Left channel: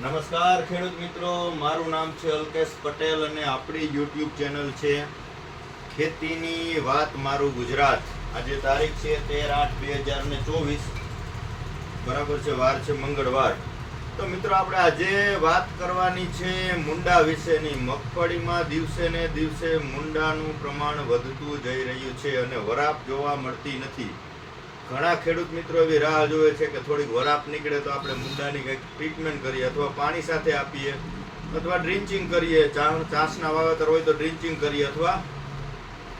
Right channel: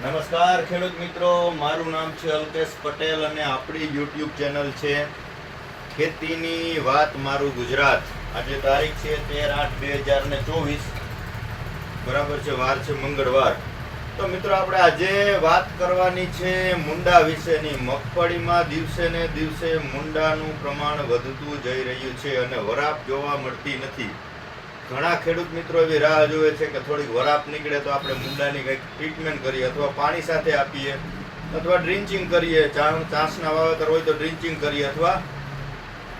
નમસ્કાર ખેડૂત મિત્રો, મારું નામ છે અલ્કેશ પટેલ અને આપણી યુટ્યુબ ચેનલ છે ખેતીની વાત મારું ગુજરાત. આજે તારીખ છે 13/8/2024, બરાબર છે, વાર છે મંગળવાર. તો મિત્રો આપણે આજે વાત કરવાની છે મુંડા વિશેની. મગફળીમાં દિવસે ને દિવસે મુંડાનું પ્રમાણ વધતું જઈ રહ્યું છે અને વરાપ જોવા મળતી નથી. ઘણા ખેડૂત મિત્રો એવી રાહ જોવે છે કે થોડીક વરાપ નીકળે તો આપણે મુંડાની કંઈક ટ્રીટમેન્ટ કરીએ, અથવા પાણી સાથે આપીએ, અથવા ડ્રિન્ચિંગ કરીએ. ચાસના વાવેતર હોય તો ડ્રિન્ચિંગ કરીએ અથવા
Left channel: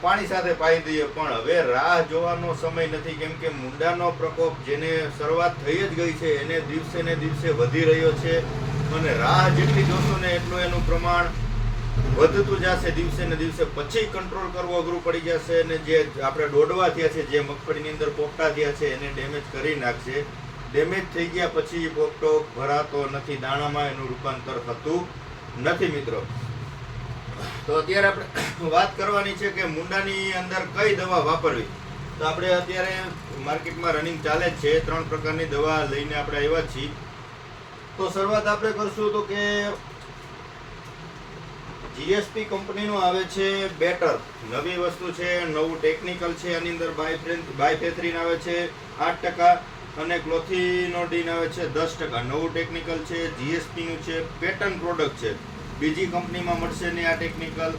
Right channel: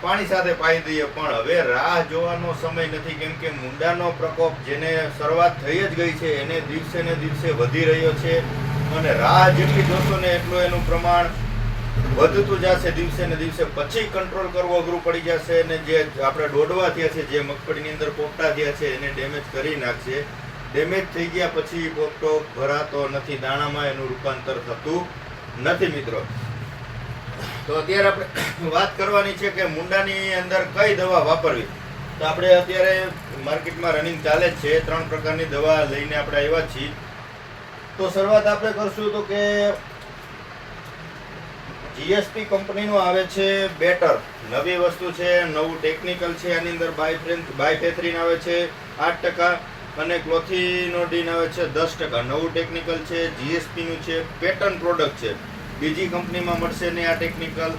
પાણી સાથે પાઈ દઈએ. પણ હવે રાહ જોવાનો સમય નથી, કેમ કે મુંડાનો પ્રકોપ જેને શરૂઆત થઈ જ ગઈ છે એને દિવસે ને દિવસે વધી રહ્યો છે અને રાહ જેટલી જોશો ને એટલું એનું પ્રમાણ વધતું જશે દિવસે ને દિવસે. પછી કંટ્રોલ કરવો અઘરું પડી જશે અને જે આપણે દોડવા થયા છે, જે મગફળીની અંદર પોપટા થયા છે એને ડેમેજ કરી નાખશે. ડેમેજ થઈ ગયા પછી પોપટો ભરાતો નથી, દાણામાં એનું રૂપાંતર થતું નથી મિત્રો. તો અત્યારે આપણે વાત કરવાની છે કે મુંડાની અંદર કઈ દવા વાપરવી. તો આપણે અત્યારે માર્કેટમાં રનિંગ ચાલે જ છે, 3 પ્રકારની દવા લઈને આપણે આવ્યા છીએ. તો શરૂઆત આપણે કરશું તો કે જીએસપી કંપનીનું આવે છે બેટર. નવી વસ્તુ છે, નવું ટેકનિકલ છે. આની અંદર બાયફેથ્રીન આવે છે 8% અને ક્લોથિનોડિન આવે છે 10%. નવું ટેકનિકલ છે, જીએસપીનું છે, પેટર્ન પ્રોડક્ટ છે. બીજી કંપનીમાં મળશે ને આ ટેકનિકલ.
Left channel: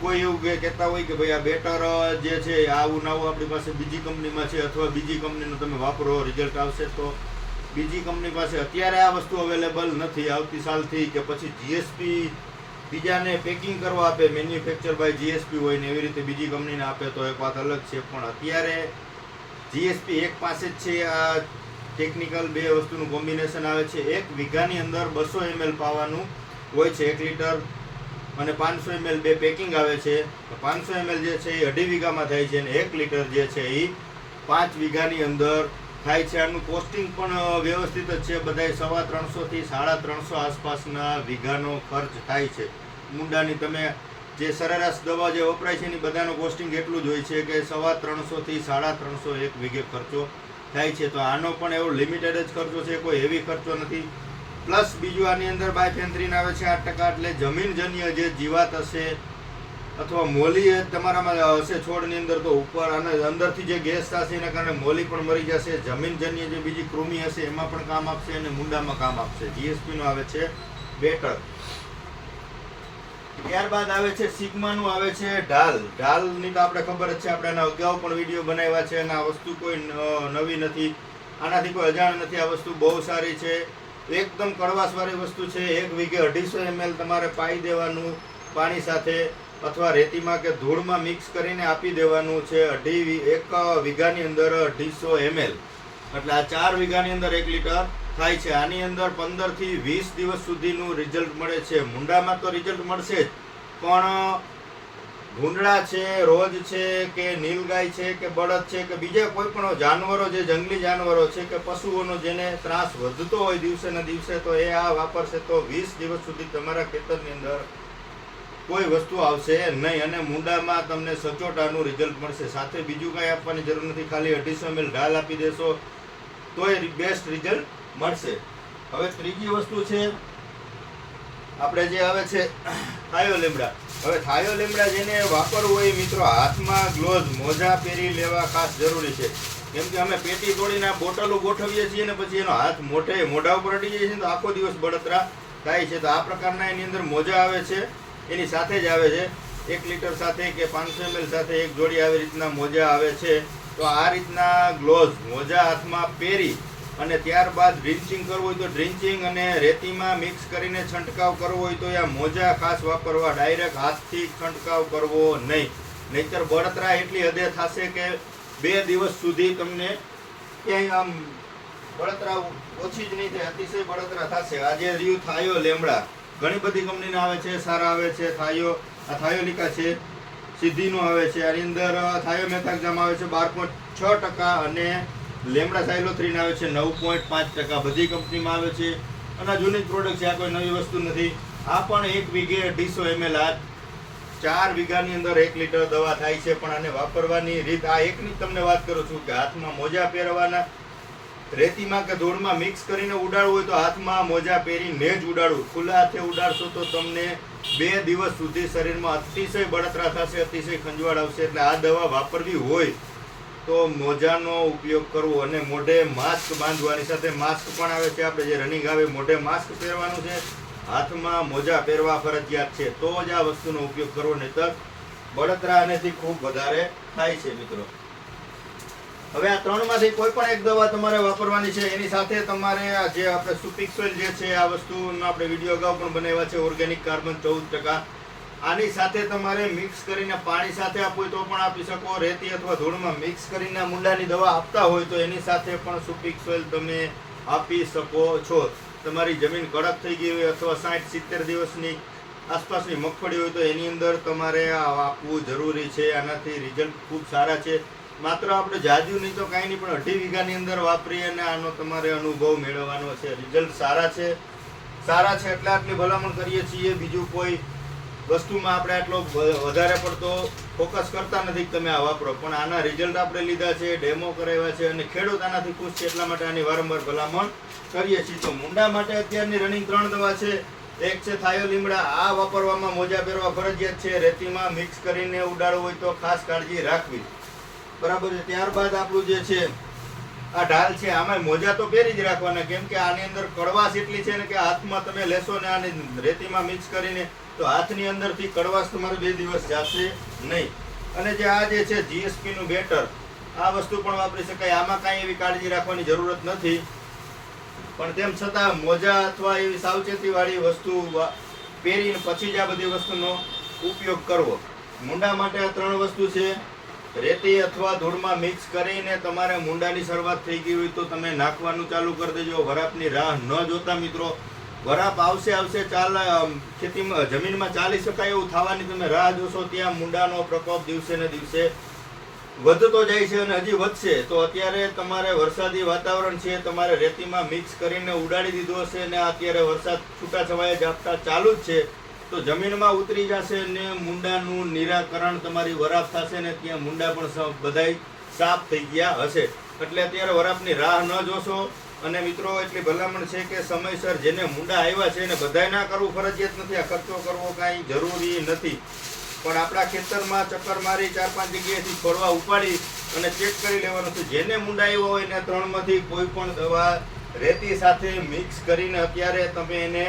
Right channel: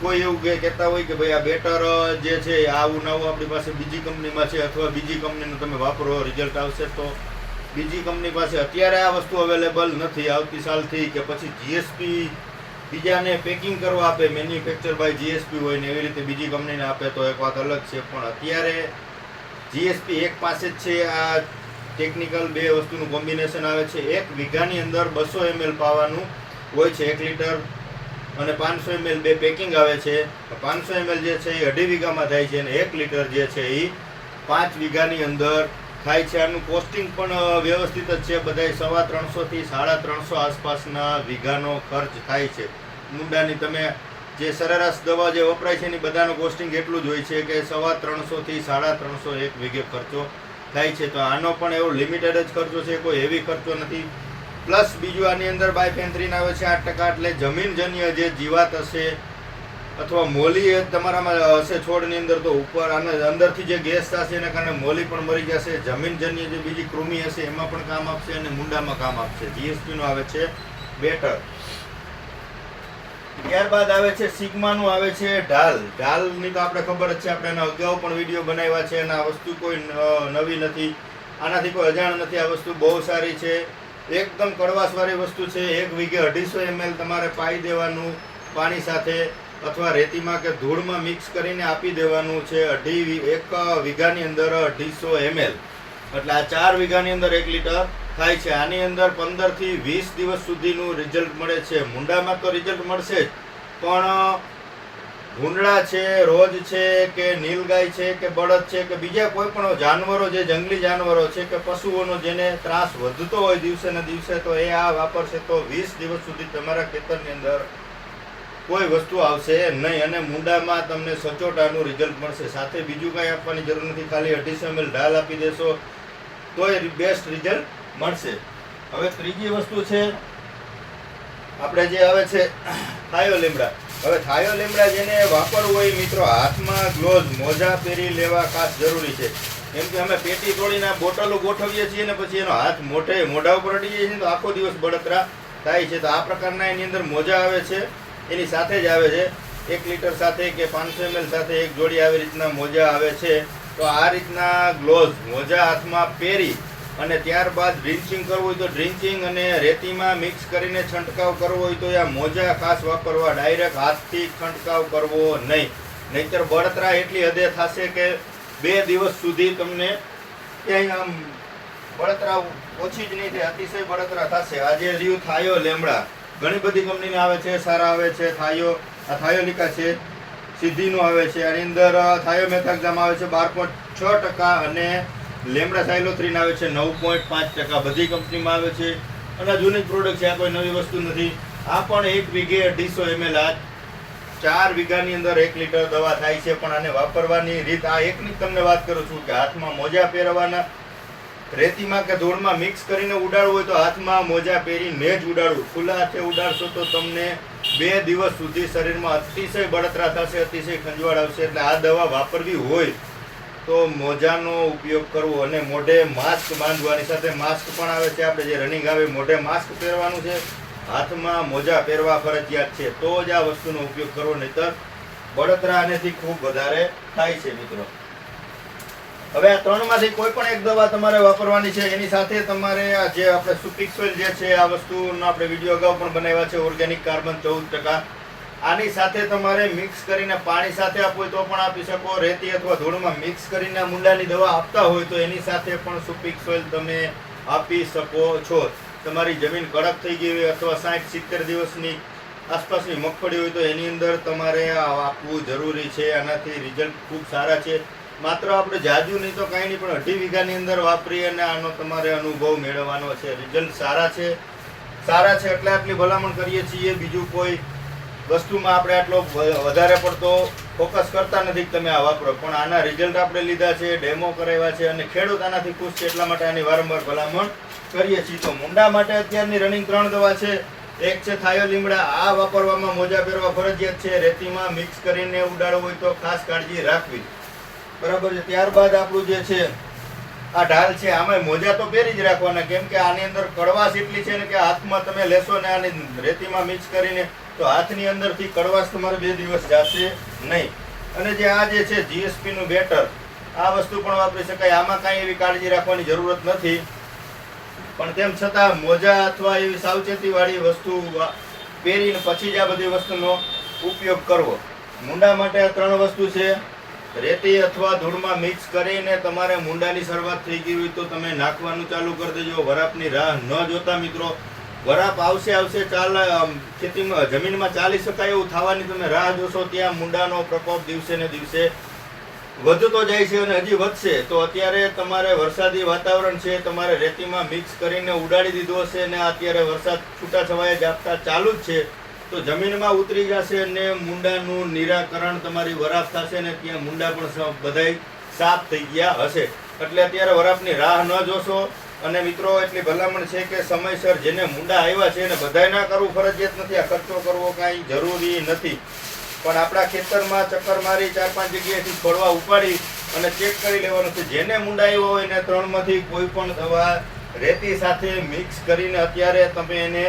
કોઈ એવું કહેતા હોય કે ભાઈ આ બેટર જે છે આવું નવું આપણી પાસે બીજી કંપનીમાં છે, અથવા બીજી કંપનીનું તમે વાપરો રિઝલ્ટ આવશે. તો બીજી કંપની પાસે અત્યારે આ વસ્તુ અવેલેબલ નથી. આવતી સાલથી કે પછી જીએસપી બીજાને પેકિંગ કરવા આપે, મેન્યુફેક્ચર બાય જીએસપી હોય ને એવી રીતે બીજી કંપનીને આપે તો એક વાત અલગ છે. પણ અત્યારે જીએસપી એક પાસે જ છે. આ ટેકનિકલ બે વસ્તુનું કોમ્બિનેશન આવે છે. 1 વીઘાની અંદર 200 ml પાવાનું હોય છે, 1 લીટર અને 500 ml બે પેકિંગ આવે છે. 500 ml જે છે એ 2.5 વીઘામાં થાય છે અને 1 લીટર જે છે એ 5 વીઘાની અંદર થાય છે. આનું કોસ્ટિંગ પણ વ્યવસ્થિત જ છે. બધાય 350 થી 350 આસપાસના વીઘાનો ખર્ચ થાય છે. મુંડાની તમે જે સરેરાશ દવા જે વપરાય છે એની બધાનો કોસ્ટિંગ એટલું જ હોય છે કે 350 થી 350 એક વીઘે ખર્ચો થાય છે. તો આનો પણ એવો લિમિટેડ જ ખર્ચો છે, કોઈ હેવી ખર્ચો નથી. પ્લસ બીજું આની અંદર બાયફેન્થ્રીન આવે છે 8%. એટલે જમીનજન્ય જે જીવાત હશે અથવા મોલી તમારામાં હશે છોડની અંદર, તો ઉપર આના અંદરથી જે ગેસ થશે એના કારણે મોલી પણ મરી જશે. જમીનજન્ય જે બીજી કૃમિ હશે એમાં પણ કામ આપશે અને મુંડામાં કામ આપશે. જીએસપીનું આવે છે બેટર. ત્યારબાદ આવે છે સિગ્માનું આવે છે ઢાલ. ઢાલની તો આપણે ખબર જ છે, આપણે એના અગાઉ પણ વિડીયો બનાવ્યા છે અને આ વસ્તુ કોઈ નવી નથી, આનાથી કોઈ અજાણ નથી. આ વસ્તુ બહુ સારી છે, એકદમ કડવાશવાળી વસ્તુ છે. 1 વીઘે 250 ml તમારે પાઈ દેવાનું પાણી સાથે, અથવા રેતીમાં કે ધૂળમાં મિક્સ કરીને આપી દેવાનું છે. 1 વીઘાની અંદર 250 ml એટલે આ 4 વીઘાની અંદર 1 લીટર થાય છે. આની અંદર 15 થી 20 દિવસ સુધીનું રિઝલ્ટ મળે છે. મુંડામાં તો રિઝલ્ટ મળશે જ, પણ ભૂંડળા છે, રોજ છે કે નીલગાય છે કે બળદ છે કે બીજા કોઈ પણ જાનવરો, જે જંગલી જાનવરો છે કે પશુઓનો જેને ત્રાસ વધતો હોય દિવસે ને દિવસે, તો એ આ વાપરશે તો 20 દિવસ સુધી તમારા ખેતરની અંદર કોઈ વસ્તુ આવશે નહીં અને મુંડામાં તમને સચોટાનું રિઝલ્ટ મળશે. સાથે બીજું કાંઈ આપવાની જરૂર નથી, ખાલી 250 ml ઢાલ આપી દેશો તોય બેસ્ટ રિઝલ્ટ મળશે. હવે ત્રીજી વસ્તુ છે આપણે જે આવે છે થાયો લીમડા. હવે થાયો લીમડા જેને વાપરવું હોય મિત્રો, હાથમાં ગ્લોવ્સ મોજા પહેરી લેવા ખાસ જરૂરી છે. કેમ કે અમે પેટી તોડીને બોટલો ગોઠવીએ છીએ ને પછી એનો હાથ મોઢા ઉપર અડી જાય છે તો આખો દિવસ બળતરા થાય છે. તો આ પ્રકારના એની અંદર મોજા આવે છે, એની સાથે જ આવે છે. 1 લીટર સાથે કે 500 ml સાથે એક જોડી આવી રીતના મોજા આવે છે. તો આ રીતના ગ્લોવ્સ મોજા હાથમાં પહેરી અને ત્યારબાદ ડ્રિન્ચિંગ કરવું હોય તો ડ્રિન્ચિંગ, અને રેતીમાં મિક્સ કરીને છંટકાવ કરવો હોય તો આ મોજા ખાસ વાપરવા. ડાયરેક્ટ હાથથી છંટકાવ કરવો નહીં, નહીતર બળતરા એટલી હદે થશે કે 2 દિવસ સુધી તમને ક્યાંય આમ બળતરા ઓછી જ નહીં થાય, અતિશય બળતરા થશે. આજે રહ્યું થાયો લીમડા. ઘણી બધી કંપનીના આવે છે, સારા આવે છે. આ થાયોલિકા છે, સિદ્ધિનું આવે છે. આની અંદર થાયોમેથાક્ઝામ આવે છે 12.6% અને લેમડા સાયલોથ્રીન આવે છે 9.5%. બધી કંપનીમાં આવે છે અને જૂની પ્રોડક્ટ છે, આ કોઈ નવી વસ્તુ નથી. આ પણ 1 વીઘે 250 ml, આ 4 વીઘાની અંદર 1 લીટર દવા થાય છે. પણ આને વાપરવાની રીત આ એકની જ તમને વાત કરું છું કે હાથમાં મોજા પહેરવાના, રેતીમાં કે ધૂળમાં મિક્સ કરીને ઉડાડવું હોય તો હાથમાં મોજા પહેરીને જ ઉડાડવું. ખુલ્લા હાથે ઉડાડશો તો તમને 2 દિવસ સુધી શરીરમાં અતિશય બળતરા થશે, અતિશય ખંજવાળ આવશે. એટલે આ દવા વાપરવી હોય તો મોજાનો ઉપયોગ કરવો અને મોઢે માસ્ક બાંધવાની. સાથે માસ્ક પણ આવે છે, આપણે જે રનિંગ આવે મોઢે માસ્ક પહેરવાનું છે, હાથમાં મોજા પહેરવા ફરજિયાત છે, તો જ આ વસ્તુનો ઉપયોગ કરવો, નહીંતર બળતરા આનેથી ખૂબ વધારે થાય છે મિત્રો. હવે આ 3 માંથી કોઈ પણ એક દવા તમારે વાપરવાની છે. એની સાથે તમારે આ જે આપણે સુપિક સોઇલ જે છે આ વસ્તુનો આપણે વિડીયો અગાઉ પણ બનાવ્યા છે, ઓર્ગેનિક કાર્બન 14%. આની સાથે તમારે મિક્સ કરીને પાણી સાથે આપવું હોય તો પણ આપી શકો. રેતી અથવા ધૂળમાં મિક્સ કરીને મુંડાની દવા આપતા હોય તો એની સાથે પણ સુપિક સોઇલ તમે આપી શકો છો. તમારી જમીન કડક થઈ ગઈ હોય અથવા 60-70 દિવસની આસપાસની મગફળી હોય તો એની અંદર તમારે આ આપવું જરૂરી છે. આનાથી રિઝલ્ટ ખૂબ સારા છે. માત્ર આપણે જાજુ નહીં તો કાંઈ નહીં, પણ 2.5 વીઘાની અંદર વાપરી અને આનો તમારે અનુભવ મેળવવાનો છે. રિઝલ્ટ સારા છે એટલે આટલી ભલામણ કરીએ છીએ. બીજું કોઈ વસ્તુમાં આપણે આટલો વધારે પડતો ફોકસ કરતા નથી કે તમે આ વાપરો, પણ આના રિઝલ્ટ આપણે લીધા છે, ડેમો કરાવ્યા છે અને ખેડૂત આનાથી ખુશ છે, એટલા માટે આની વારંવાર ભલામણ કરીએ છીએ. તો મુંડા માટે અત્યારની રનિંગ 3 દવા છે. એક છે થાયો લીમડા. આ વાપરવામાં મોજા પહેરવા ફરજિયાત છે. રેતીમાં મિક્સ કરીને ઉડાડવું હોય તો ખાસ કાળજી રાખવી, બરાબર છે. ત્યારબાદ આપણું જે છે આ ઢાલ છે, આમાં મોજા તો પહેરી જ રાખવાના, કેમ કે આની અંદર કડવાશ એટલી છે ને કે હાથમાં તમે લેશો ને આની રેતીમાં મિક્સ કરીને તો હાથની અંદરથી કડવાશ તમારે 2 દિવસ જશે નહીં. અને જે આ જે છે જીએસપી નું બેટર, આ વસ્તુ પણ વાપરી શકાય. આમાં કાંઈ એવી કાળજી રાખવાની જરૂરત નથી, પણ તેમ છતાં મોજા અથવા એવી સાવચેતીવાળી વસ્તુ પહેરીને પછી જ આ બધી વસ્તુનો ઉપયોગ કરવો. મુંડા માટે આ 3 વસ્તુ છે. રેતી અથવા ધૂળમાં મિક્સ કરીને તમારે મુંડાની શરૂઆત થઈ ગઈ હોય તો તમે નાખવાનું ચાલુ કરી દેજો. વરાપની રાહ ન જોતા મિત્રો. વરાપ આવશે ચાલ ખેતીમાં જમીનમાં ચાલી શકાય એવું થવાની તમે રાહ જોશો, ત્યાં મુંડાનો પ્રકોપ દિવસે ને દિવસે વધતો જાય છે અને હજી વધશે. તો અત્યારે તમારે વરસાદી વાતાવરણ છે, તમારે રેતીમાં મિક્સ કરીને ઉડાડી દીધો હશે અને અત્યારે વરસાદ છૂટાછવાયા ઝાપટા ચાલુ જ છે, તો જમીનમાં ઉતરી જશે અને મુંડાનું નિરાકરણ તમારી વરાપ થશે ને ત્યાં મુંડા પણ બધાય સાફ થઈ ગયા હશે. એટલે અત્યારે વરાપની રાહ ન જોશો. અને મિત્રો એટલી ભલામણ છે કે સમયસર જેને મુંડા આવ્યા છે એને બધાય ના કરવું ફરજિયાત નથી. આ ખર્ચો કરવો કાંઈ જરૂરી નથી, પણ આપણા ખેતરમાં ચક્કર મારી 4-5 જગ્યાએથી છોડવા ઉપાડી અને ચેક કરી લેવાનું છે. જેને મુંડા આવ્યો હોય એને 3 માંથી કોઈ પણ દવા રેતી સાથે મિક્સ કરીને અત્યારે તમે એને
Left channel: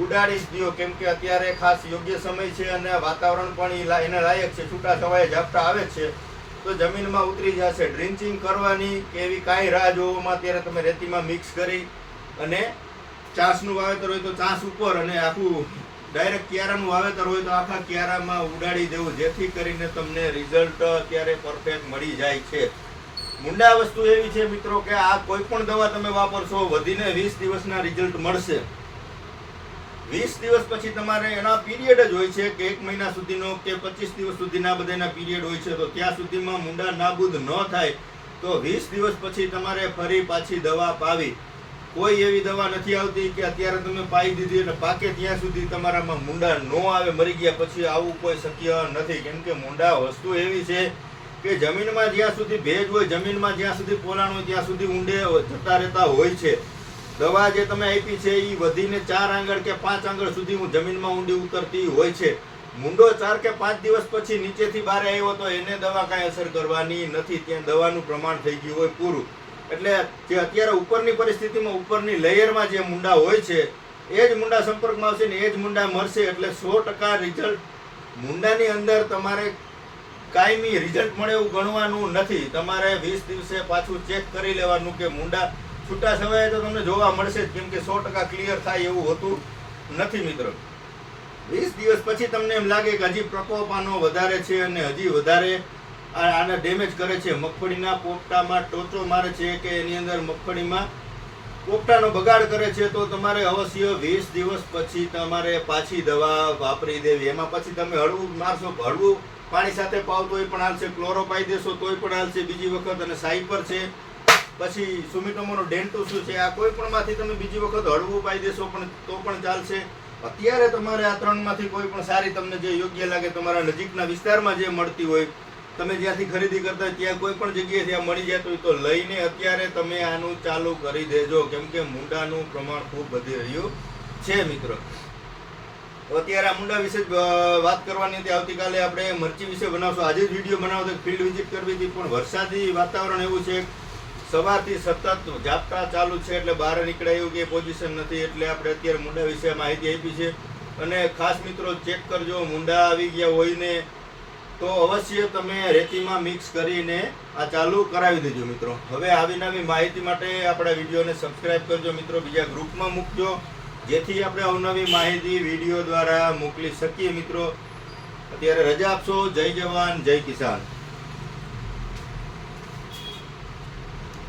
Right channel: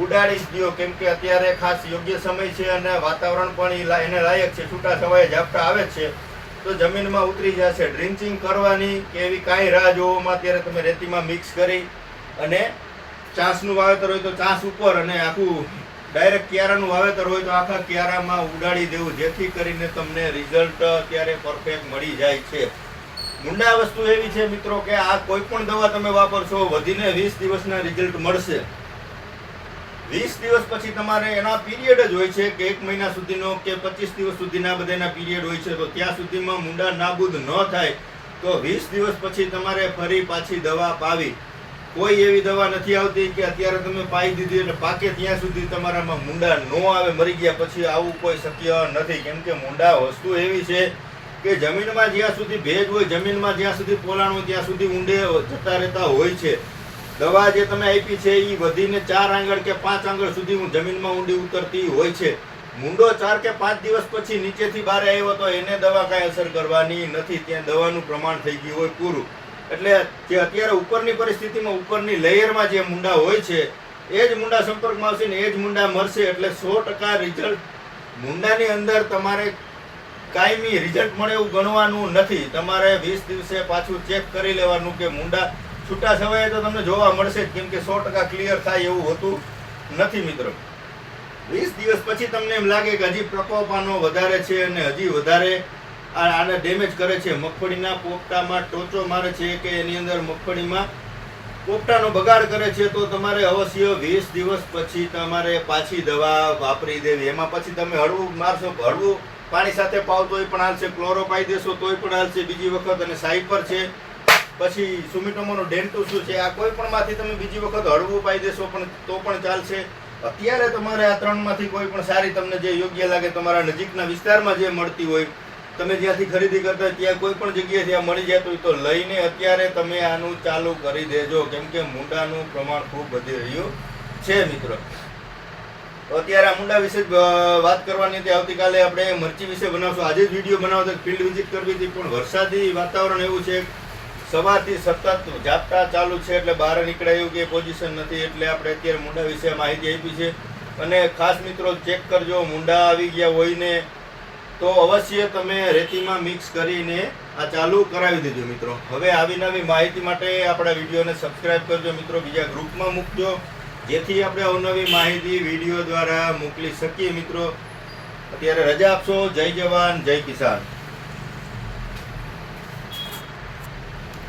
ઉડાડી જ દો, કેમ કે અત્યારે ખાસ યોગ્ય સમય છે અને વાતાવરણ પણ એને લાયક છે. છૂટા છવાયા ઝાપટા આવે છે તો જમીનમાં ઉતરી જશે. ડ્રિંચિંગ કરવાની કે એવી કાંઈ રાહ જોવામાં અત્યારે તમે રેતીમાં મિક્સ કરી અને ચાસનું વાવેતર હોય તો ચાસ ઉપર અને આખું ડાયરેક્ટ ક્યારાનું વાવેતર હોય તો આખા ક્યારામાં ઉડાડી દેવું, જેથી કરીને તમને રિઝલ્ટ અત્યારે પરફેક્ટ મળી જાય છે. મુંડા વસ્તુ એવી છે મિત્રો કે આ કોઈ પણ દવા તમે વાપરશો વધીને 20 દિવસના રિઝલ્ટ મળશે. 20 દિવસ પછી તમારે એના પીરિયડ જ હોય છે કે 1 મહિના સુધીનો કે 25 દિવસ સુધીના બધાના પીરિયડ હોય છે. તો ત્યાં સુધીમાં મુંડા નાબૂદ ન થાય તો 20 દિવસ પછી તમારે ફરી પાછી દવા પાવી. કોઈ એવી દવા નથી આવતી કે અત્યારે તમે પાઈ દીધી અને પાકે ત્યાં સુધી તમારામાં મુંડા ન આવે મરી ગયા પછી, આવું કોઈ શક્ય નથી. કેમ કે મુંડા વસ્તુ એવી છે કે જમીનમાં જ્યાં સુધી ભેજ હોય, જમીનમાં જ્યાં સુધી પોલાણ હોય ત્યાં સુધી ઊંડે જતા રહેતા હોય છે. દવા જે તમે આપી છે એ વધીને 4 આંગળ કે 5 આંગળ સુધી જમીનમાં ઊંડી ઉતરતી હોય છે. મુંડો 4 કે 5 દિવસ પછી નીચેથી બહાર આવ્યો તો એને દવા કાંઈ અસર કરવાની નથી, ત્યાં દવાનું પ્રમાણ થઈ ગયું હોય પૂરું. એટલે જે અત્યારે ઉપરની પરિસ્થિતિમાં ઉપરની લેયરમાં જે મુંડા હોય છે એ જ મુંડા સંપર્કમાં આવશે ને એ જ મુંડા મરશે. એટલે 100% રિઝલ્ટ મુંડાની અંદર તમારે કાયમી રિઝલ્ટ મળે એવું ગણવાનું નથી. તમારે 20 દિવસે પાછું ચેક કરી લેવાનું કે મુંડા છૂટા છવાય તો તમને જોવા મળશે, કેમ કે 100% ક્લિયર થાય એવું હોતું નથી મિત્રો. 20 દિવસ પછી તમને એમ લાગે કે હજી પ્રકોપ આનો વધારે છે અને હજી વધારે આને ડેમેજ કરે છે, મગફળીના પોપટામાં ટોચો મારે છે કે એની અંદર મગફળીમાં પોપટાનો બગાડ કરે છે, તો તમારે અવશ્ય 20 દિવસ પછી તમારે પાછી દવા વાપરી દેવી. એમાં પછી તમે હળવું મારશો, હળવું પાણી સાથે પાવ તોય પણ હાલશે, ક્લોરો પાઈ દેશો તોય પણ હાલશે બીજી વખત, અને સાઇપર છે પછી સુમિટોમોનો ડેન્ટુ શું છે, આ કોઈ પણ માંથી તમે બીજી વખત હળવું પાઈ દેશો પણ તો પણ ચાલશે. અત્યારે તમારે આ 3 માંથી કોઈ પણ સારી તમને જે યોગ્ય લાગે તમારા નજીકના વિસ્તારમાં જે મળતી હોય તમે જ્યાંથી ખરીદી કરતા હોય ત્યાં કોઈ પણ જગ્યાએથી આ મળી જતું હોય તો લઈને અત્યારે તમે આનું ચાલુ કરી દેજો, કેમ કે મૂંડાનું પ્રમાણ ખૂબ વધી રહ્યું છે મિત્રો. અત્યારે આ મુંડા વિશે વાત કરવાની હતી. આવતીકાલે આપણે મરચી વિશે બનાવશું. આજે જ વિડીયો બનાવતો ફિલ્ડ વિઝિટ કરવી હતી, પણ વરસાદી વાતાવરણ એવું છે, સવારથી સતત ઝાપટા ચાલુ છે, એટલે બહાર નીકળાય એવું કે પોઝિશન નથી. એટલે આપણે અત્યારે મુંડા વિશે માહિતી આપી છે. અને ખાસ મિત્રો ચેક કરજો, મુંડા આવી ગયા હોય ને તો અવશ્ય તમે રેતીમાં મિક્સ કરીને આ ચાલુ કરાવી દેજો મિત્રો. હવે આવી નવી માહિતી માટે આપણા વિડીયોને સબસ્ક્રાઈબ કરજો મિત્રો, બીજા ગ્રુપમાં મૂકજો, જેથી આપણે અવનવી માહિતી વિડીયો દ્વારા મોકલી શકીએ મિત્રો. અત્યારે રજા આપશો. જય જવાન જય કિસાન.